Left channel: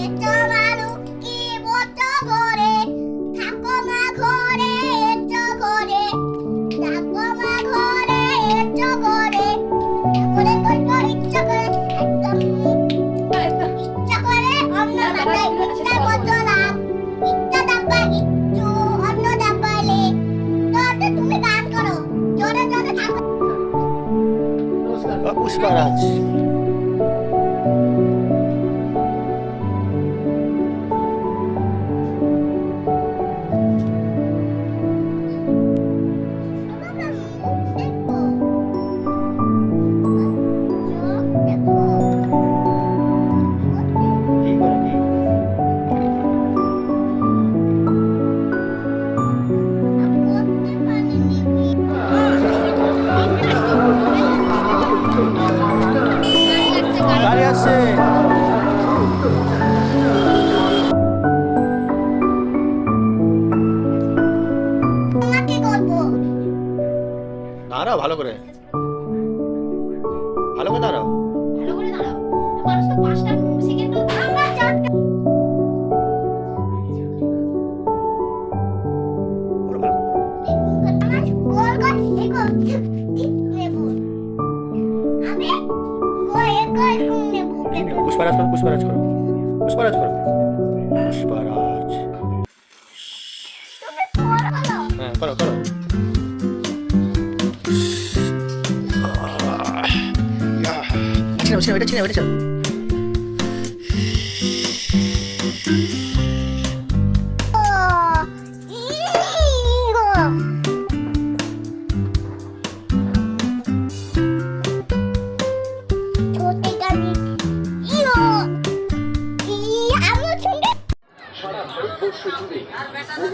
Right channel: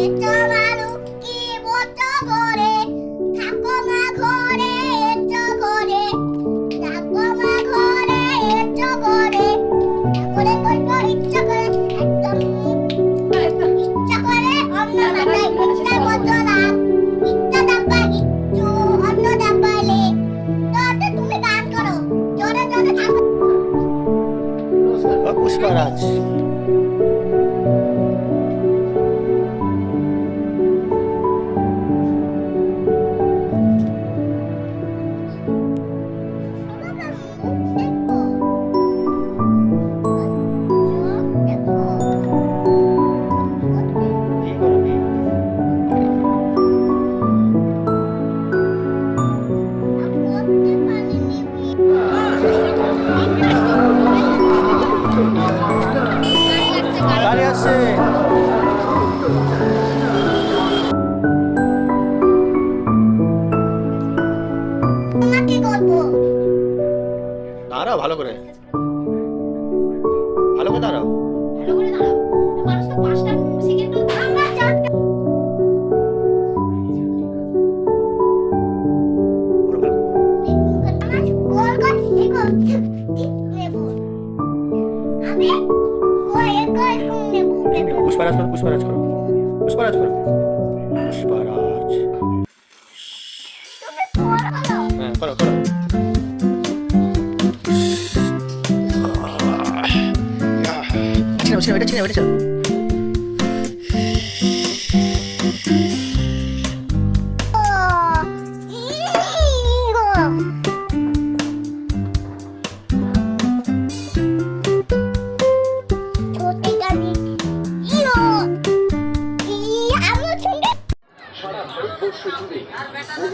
এটা মারু কি বটো করে থাকো মা ঘরে এটো করে থাকো মা ঘরে এটো করে করে করব ইচ্ছা করে একদম ইচ্ছা করে অন্য মাথায় ইচ্ছা বদলা ইচ্ছা ডাব্বা ইচ্ছু অন্য ডাব্বালে তো তুমি গান করো জোরে জোরে থাকো পুষ্পারাজ গাড়ি আসছে। তোমাকে করবো দাঁড়াও ভালো করে দাঁড়াও। ভালো করে দাঁড়াও মানুষ তো 5টা সেকেন্ড আমরা চারটা আমার গোল গোল দেখো নেব আমি গোল নেব পুষ্পারাজ করো পুষ্পারাজ করো পুষ্পারাজ করো পুষ্পারাজ তুমি করো হ্যাঁ করো করো ছিনাও এটা ছিনাও সারা ভারতবর্ষ জুড়ে বহু